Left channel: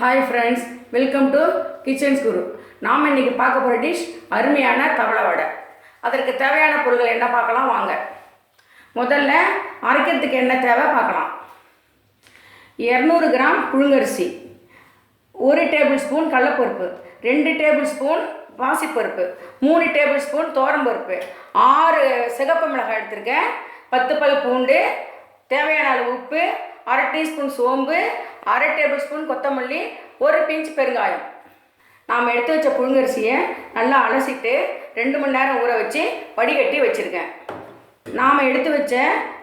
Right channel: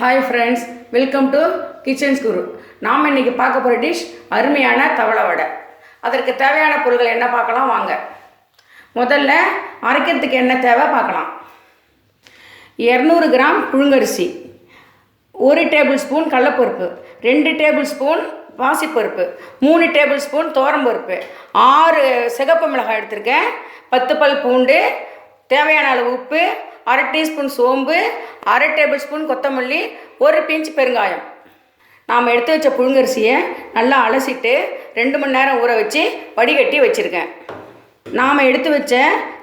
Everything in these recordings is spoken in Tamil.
Hi friends, welcome to Kitchens Guru. நாம் இன்றைக்கி பார்க்க போகிற டிஷ் அருமையான தவளை வடை. அதற்கு தேவையான பொருட்கள் என்ன பார்க்கலாம் வாங்க. முதல்ல அரைக்கிறதுக்கு என்ன தேவை பார்க்கலாம். 200 கிராம் புழுங்கரிசி, 1 டேபிள் ஸ்பூன் கடலைப்பருப்பு, 2 டேபிள் ஸ்பூன் பாசிப்பருப்பு, 3 டேபிள் ஸ்பூன் துவரம்பருப்பு, 6 சிகப்பு மிளகாய் எடுத்திருக்கேன், 10 பல் பூண்டு, தேவையான அளவு உப்பு, 1/2 டீஸ்பூன் சோம்பு, 1/2 டேபிள் ஸ்பூன் கொத்தமல்லி, 1 பிஞ்ச் பெருங்காயம். நாம் எடுத்து வச்ச புழுங்கரிசியை நல்லா அலசிட்டு 2 மணி நேரம் ஊற வச்சு வடிகட்டி வச்சுருக்கேன். நாம் எடுத்து வச்ச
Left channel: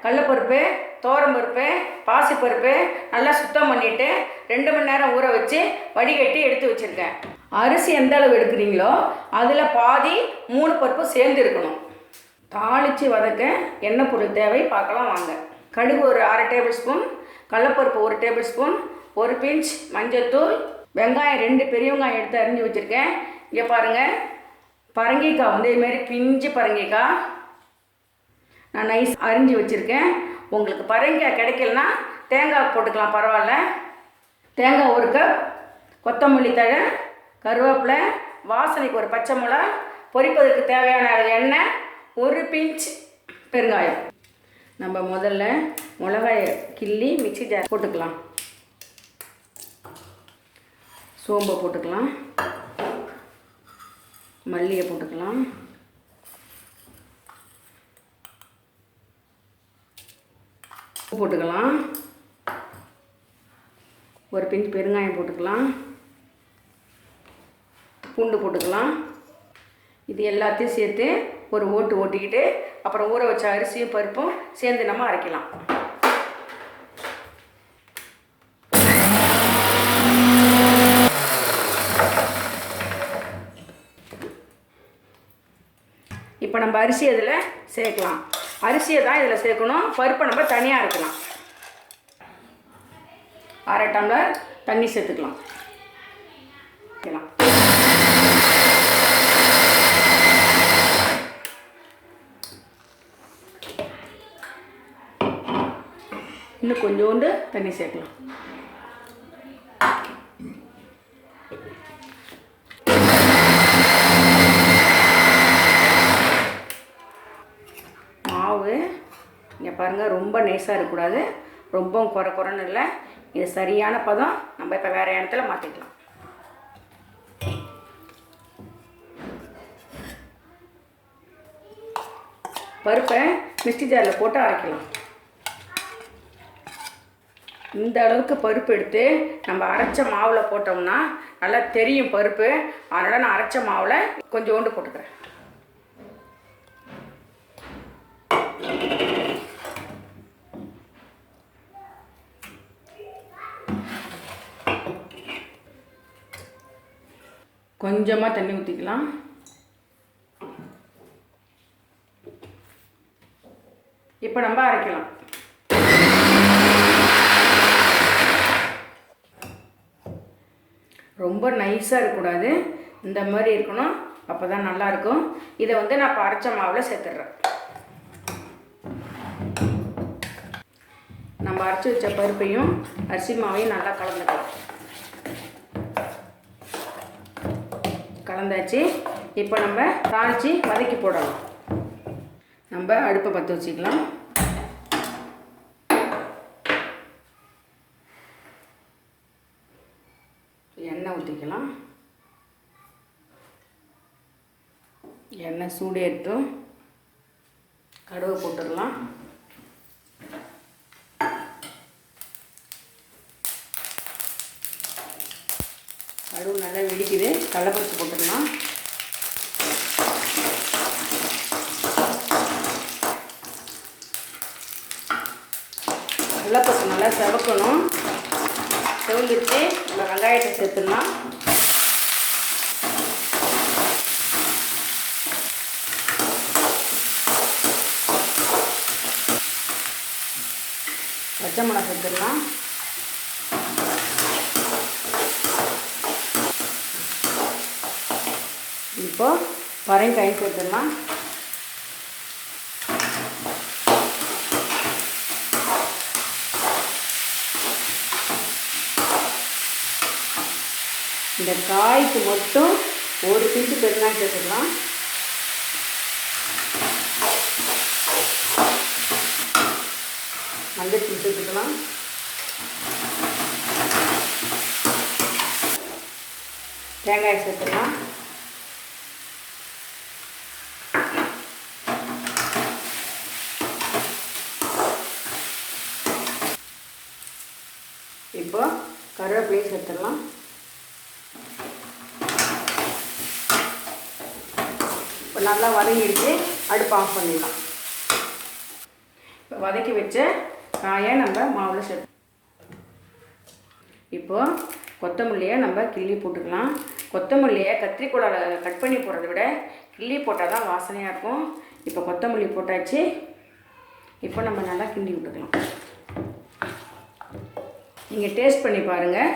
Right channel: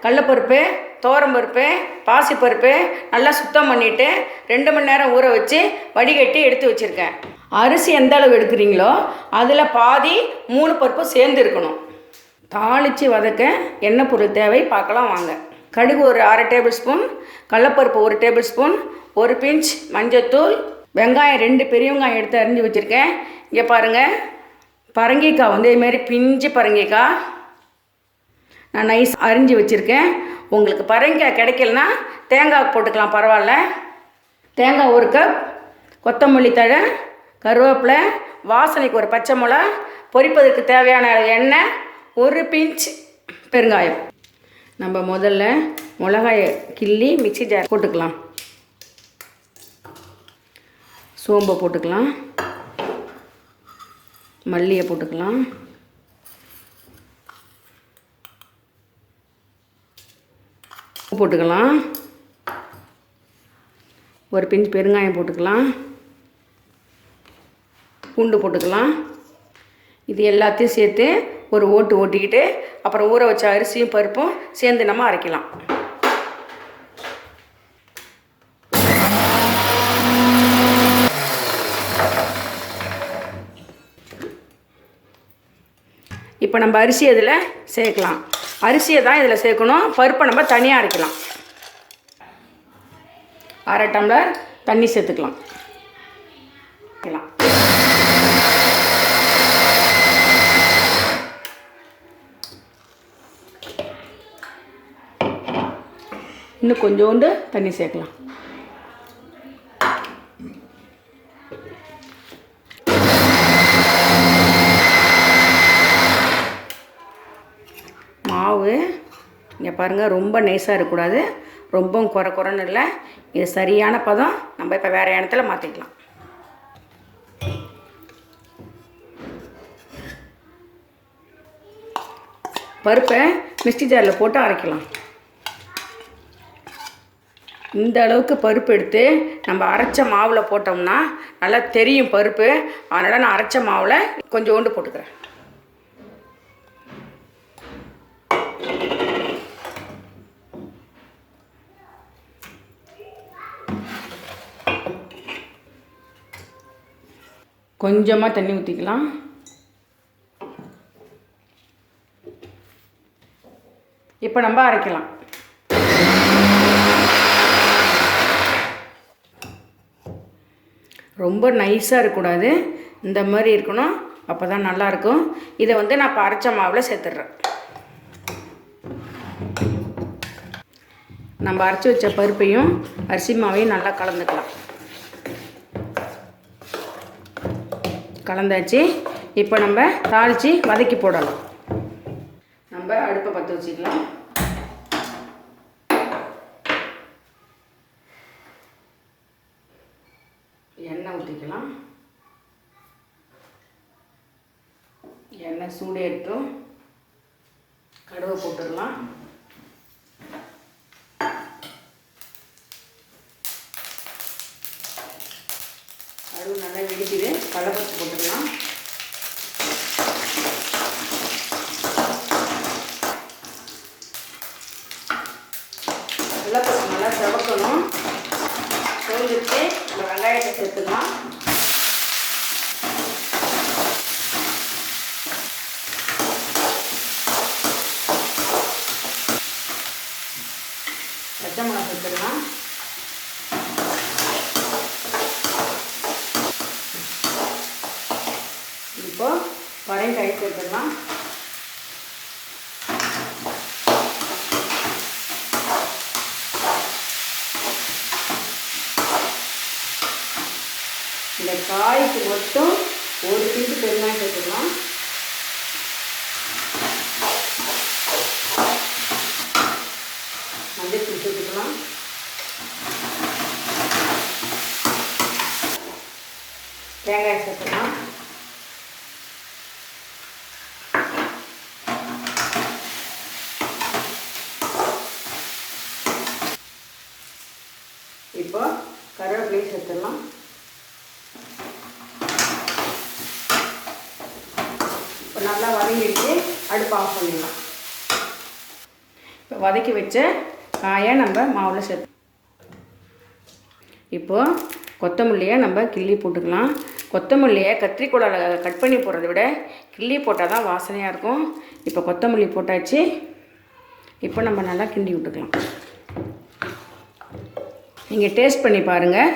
கடலைப்பருப்பு, துவரம்பருப்பு, பாசிப்பருப்பு நல்லா சுத்தம் பண்ணிவிட்டு 2 மணி நேரம் ஊற வச்சு வடிகட்டி எடுத்து வச்சுருக்கேன். அரிசி எந்த அளவு எடுக்கிறீங்களோ அதில் பாதி 3 பருப்பு சேர்ந்து இருக்கணும். தாளித்து வதக்க எண்ணெய் பொருள் தேவை பார்க்கலாம் வாங்க. கடுகு ஒரு 1/2 டேபிள் ஸ்பூன், கடலைப்பருப்பு 1 டேபிள் ஸ்பூன், 1 பிஞ்ச் மஞ்சத்தூள், வெங்காயம் 2 பெரிய வெங்காயம் எடுத்து அரிஞ்சு வச்சுருக்கேன். இங்கே பாருங்கள், பரங்கிக்காய் வந்து இதுமாரி பிஞ்சு பரங்கிக்காய் நான் நைஸ் அரிஞ்சு வச்சுருக்கேன். உங்களுக்கு பரங்கிக்காய் கிடைக்கலனா தேங்காய் போட்டுக்கலாம், பரவாயில்ல. தேங்காய் 1 கப், கொத்தமல்லி தழை, கருவேப்பிலை, வாசனைக்கு 1 பச்சை மிளகா, பொரிப்பதற்கு தேவையான எண்ணெய், 1 பிஞ்ச் பெருங்காயம். நம்ம முதல்ல மிளகாயை கிள்ளி மிக்ஸி ஜார் போட்டுக்கலாம். சோம்பை போட்டுக்கலாம், மல்லியை போட்டுக்கலாம், போட்டுக்கலாம், 1 பிஞ்ச் பெருங்காயம் போட்டுக்கலாம், பூண்டு போட்டுக்கலாம். இது எல்லாத்தையும் சேர்த்து ஒரு ஓட்டிக்கிட்டு அப்புறம் ஊற வச்ச அரிசியும் பருப்பும் சேர்ந்து நம்ம அரைக்கலாம். இப்போ நம்ம அரிசி இதில் சேர்க்கலாம். அரிசியை தான் இதில் சேர்க்கணும், பருப்பை நம்ம தனியாக அரைக்கலாம். 1/2 டம்ளர் தண்ணி சேர்த்துக்கலாம். இன்னும் கொஞ்சோண்டு தண்ணி சேர்க்கலாம். மாவு இங்கே பாருங்கள், ரொம்ப நைஸாக இருக்கக்கூடாது, ரொம்பவும் குறைன்னு இல்லை. இது சரியான பதம். நம்ம இப்போ வேறு இடத்துல மாற்றிக்கலாம். பருப்பை மிக்ஸி ஜாரில் போட்டு அரைக்கலாம். இந்த அளவுக்கு பருப்பு எடுத்து நம்ம அரைச்ச மாவில் போட்டோம்னா நல்லா தெரியும் பருப்பு. அதனால் நான் அரைச்ச மாவில் கொஞ்சோண்டு போட்டுக்கிறேன். கொஞ்சமாக தண்ணி ஊற்றிக்கலாம். இப்போ நம்ம அரைக்கலாம். ரொம்ப நைஸாக இருக்கக்கூடாது, இந்த மாதிரி இருக்கணும், அப்போ தான் நல்லாயிருக்கும். இதை வந்து நான் இப்போ அரைச்ச மாவில் சேர்த்துட்றேன். நம்ம அரைச்சி வச்ச பருப்பையும் அரிசி மாவையும் நல்லா கலந்துக்கலாம். கலந்தாச்சு. இப்போ நம்ம தாளித்து வதக்கி போடலாம். நம்ம அடுப்பை பற்ற வச்சுக்கலாம். எண்ணெய் ஊற்றிக்கலாம். எண்ணெய் சூடு எடுத்தும் கடுகு போட்டுடலாம். கடுகு நல்லா வெடிக்குது, கடலைப்பருப்பு போட்டுடலாம். கடலைப்பருப்பு நல்லா செவக்கணும். செவந்துட்டு நம்ம வெங்காயத்தை சேர்த்துக்கலாம். பச்சை மிளகாய் சேர்த்துக்கலாம். இப்போ பரங்காய் சேர்த்துக்கலாம். இந்த காய்க்கு மட்டும் ஒரு பீஸு பெருங்காயம் சேர்த்துக்கலாம். மஞ்சள் தூள் சேர்த்துக்கலாம். தேங்காய் சேர்த்துக்கலாம். இப்போ கருவேப்பிலையும் சேர்த்துடலாம். இப்போ நல்லா வதங்கிடுச்சு, அடுப்பு ஆஃப் பண்ணிடலாம். இப்போ வதக்கி வச்ச காயை நம்ம மாவில் சேர்த்து இப்போது கொத்தமல்லியை நம்ம கிள்ளி போட்டுக்கலாம். கொத்தமல்லியை கத்திரிக்கோலால் கட் பண்ணி போடுறத விட கிள்ளி போட்டால் தான் வாசனையாக இருக்கும். இப்போ கொத்தமல்லி போட்டாச்சு. இப்போ நம்ம நல்லா கிண்டி விட்டுக்கலாம். நீங்கள் டேஸ்ட் பண்ணி பாருங்கள்.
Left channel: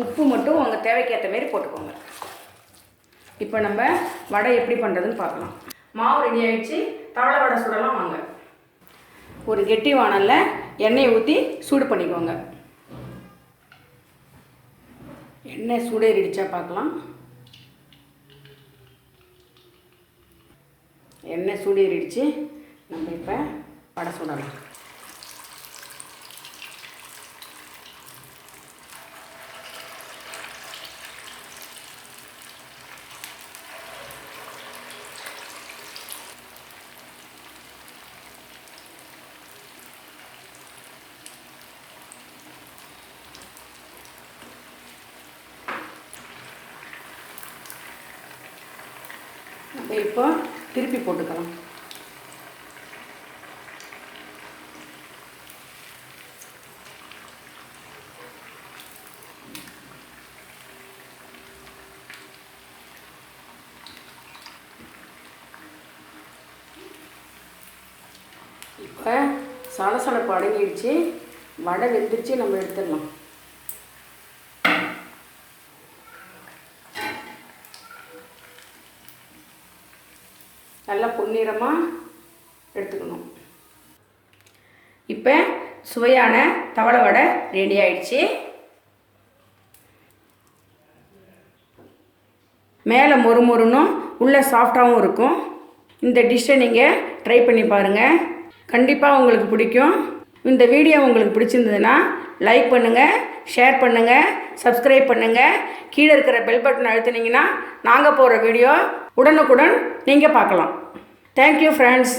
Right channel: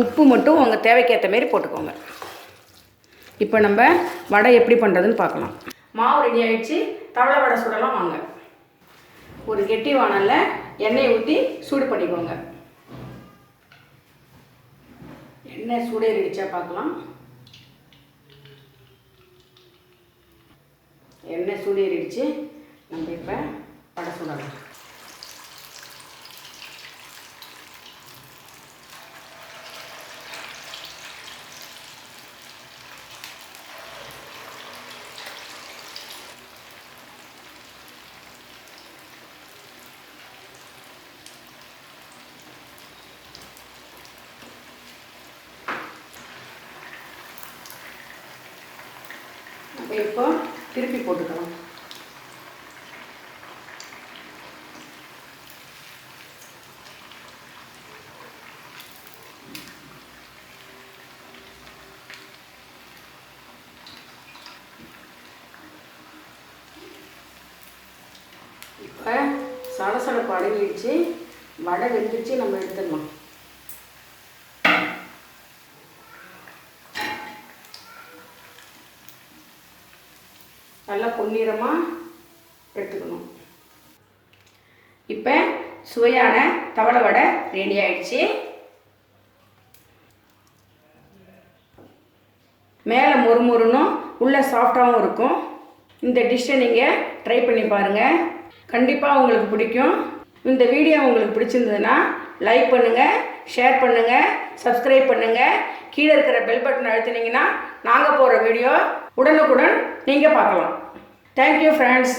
உப்பு மட்டும் உங்கள் தேவைக்கேற்ற மாரி போட்டுக்கோங்க. இப்போ நம்ம வடை எப்படி பண்ணுறதுன்னு பார்க்கலாம். மாவு ரெடி ஆகிடுச்சு. தவளை வடை சுடலாம் வாங்க. ஒரு கெட்டி வானலில் எண்ணெயை ஊற்றி சூடு பண்ணிக்கோங்க. எண்ணெய் சூடேறிடுச்சா பார்க்கலாம். எண்ணெய் சூடேறிடுச்சு. நம்ம இப்போ வடை சுடலாம். இப்போ திருப்பி போட்டுக்கலாம். இப்போ சலசலப்பு அடங்கிடுச்சு. வடை வெந்துச்சு, நம்ம எடுத்துடலாம். நல்லா பொன்னிறமாக எடுத்துக்கணும். இப்போ சுவையான தவளை வடை ரெடி ஆயிடுச்சு. மேலே மொறுமொறுன்னும் உள்ளே சாஃப்டாகவும் இருக்கும். இந்த டிஷ்ஷை நீங்கள் ட்ரை பண்ணி பாருங்கள். கண்டிப்பாக உங்களுக்கு பிடிக்கும். இந்த வீடியோ உங்களுக்கு பிடிச்சிருந்ததுன்னா லைக் பண்ணுங்கள், ஷேர் பண்ணுங்கள், சப்ஸ்கிரைப் பண்ணுங்கள். கீழே இருக்கிற பெல் பட்டன் அழுத்தினீங்கன்னா நாங்கள் போகிற வீடியோ உடனுக்குடன் நீங்கள் பார்க்கலாம். Thank you friends.